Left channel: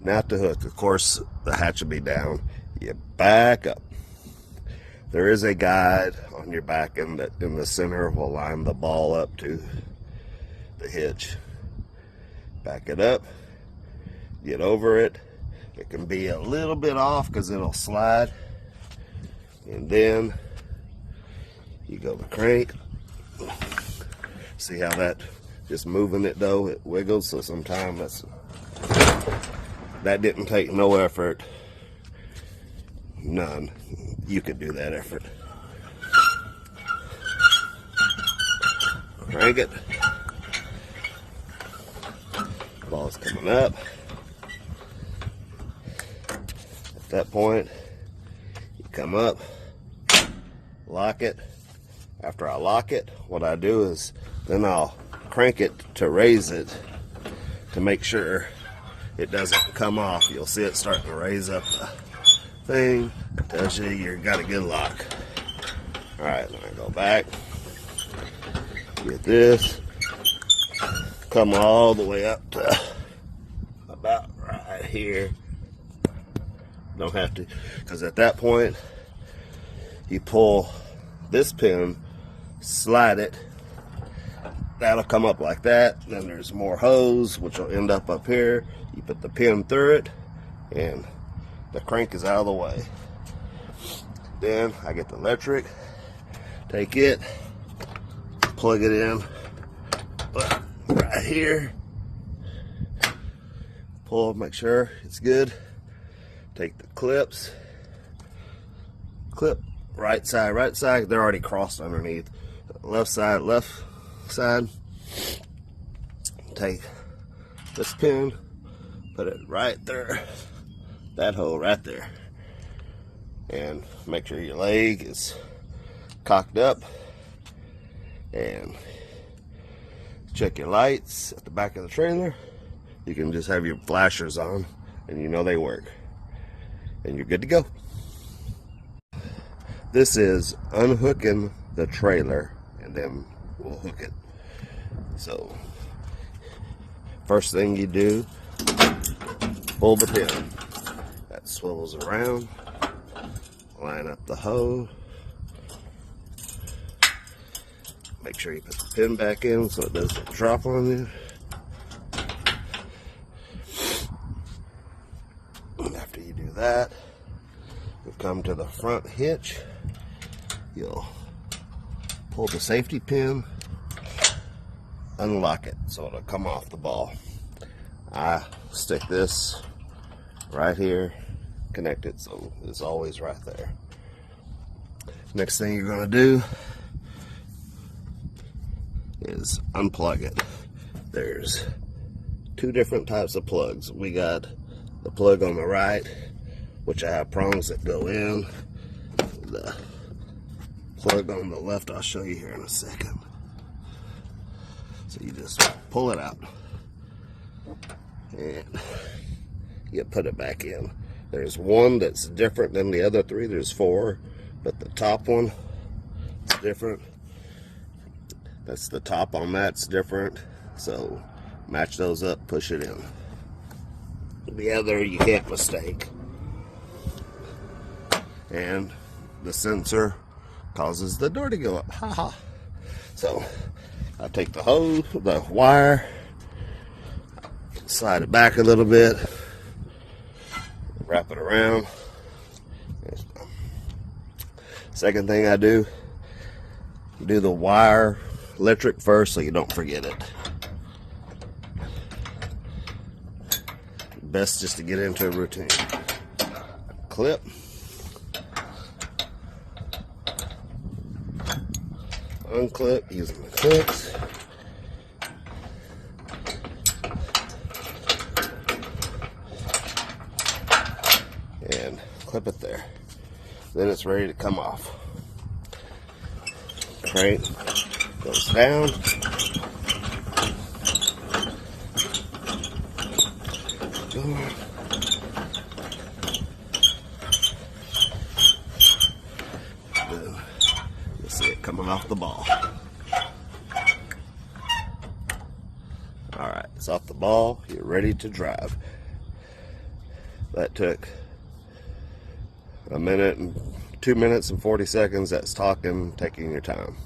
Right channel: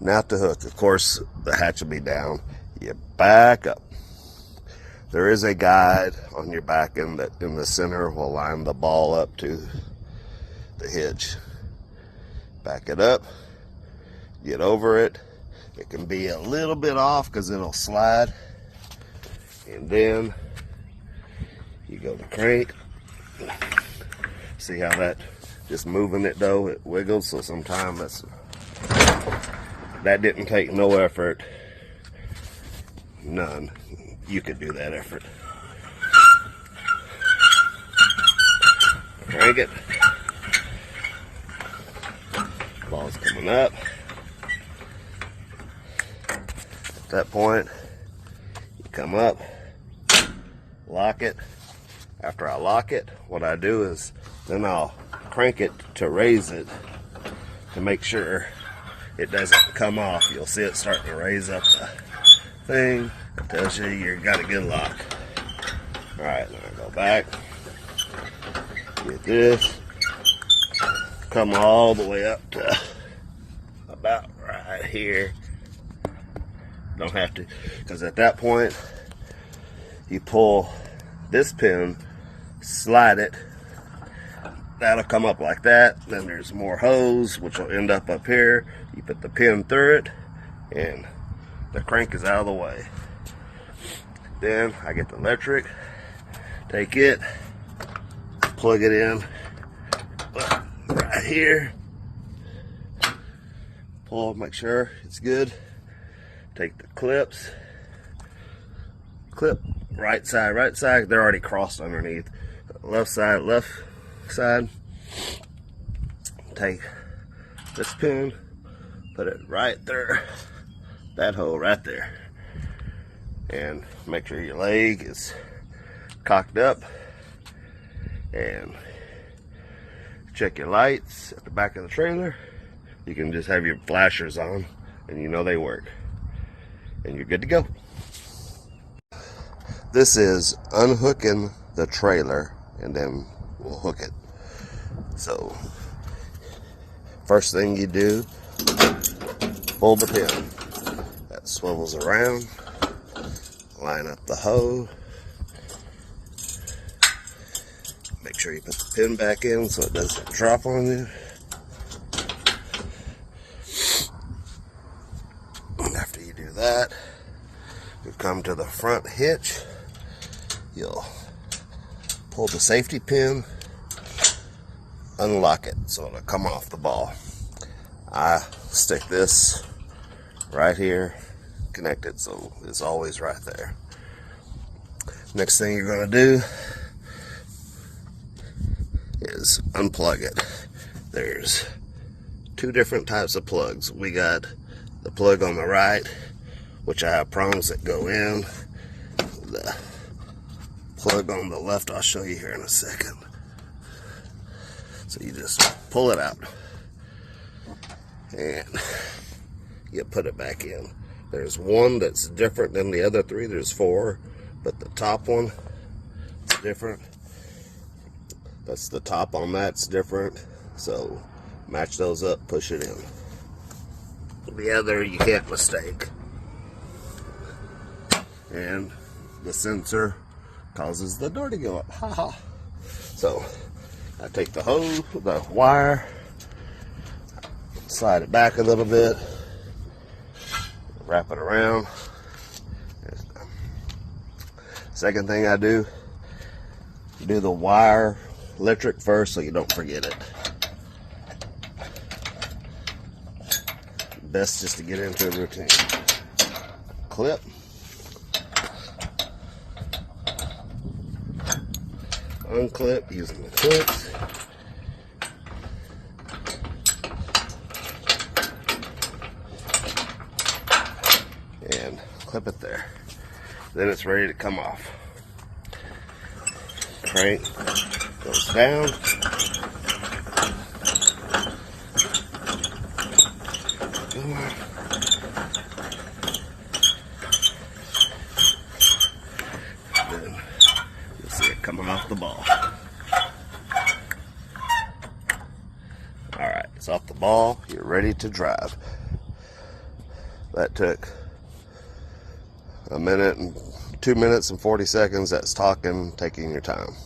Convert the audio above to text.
Now to hook. Of course, the hatch will be down. You back up. There is a guide on your back end that in the center will line the ball up to the hitch. Back it up. Get over it. It can be a little bit off because it'll slide. And then you go to crank. See how that, just moving it though, it wiggles. So sometimes that didn't take no effort. None. You could do that effort. Crank it. Ball's coming up. At that point, you come up, lock it. After I lock it, what I do is then I'll crank it to raise it to make sure it doesn't come off. You'll see it starting to raise up the thing. It tells you you got a good lock. All right, now I go back with this. Come all the way up to about right here. Don't have to, because at that point you pull this pin, slide it, that'll come up like that. Then there's more hose which will end up here. You put the pin through it and the crank is out of the way. Then I get the electric, take it, plug it in right here, pull, make sure it's good. Take the clips, clip right side, they're already crossed underneath. Left side. Take this pin, put it right there, that hole right there, and make sure your leg is cocked up, and check your lights at the back of the trailer. You can just have your flashers on and you know they work, and you're good to go. This is unhooking the trailer and then we'll hook it. So first thing you do, pull the pin. That swivels around, line up the hose. Make sure you put the pin back in so it doesn't drop on you. After you do that, you come to the front hitch. You'll pull the safety pin, unlock it so it'll come off the ball. I stick this right here, connect it so it's always right there. Next thing you're going to do is unplug it. There's two different types of plugs. We got the plug on the right, which I have prongs that go in. The plug on the left, I'll show you here in a second. So you just pull it out and you put it back in. There's one that's different than the other three. There's four, but the top one is different. That's the top on that's different. So match those up, push it in. The other you can't mistake. And the sensor causes the door to go up. Ha ha. So I take the hose, the wire, slide it back a little bit, wrap it around. Second thing I do the wire electric first so you don't forget it. Best just to get into a routine. Clip. Unclip using the clips. And clip it there. Then it's ready to come off. Crank goes down. Then you'll see it coming off the ball. Alright, it's off the ball. You're ready to drive. That took a minute and 2 minutes and 40 seconds. That's taking your time.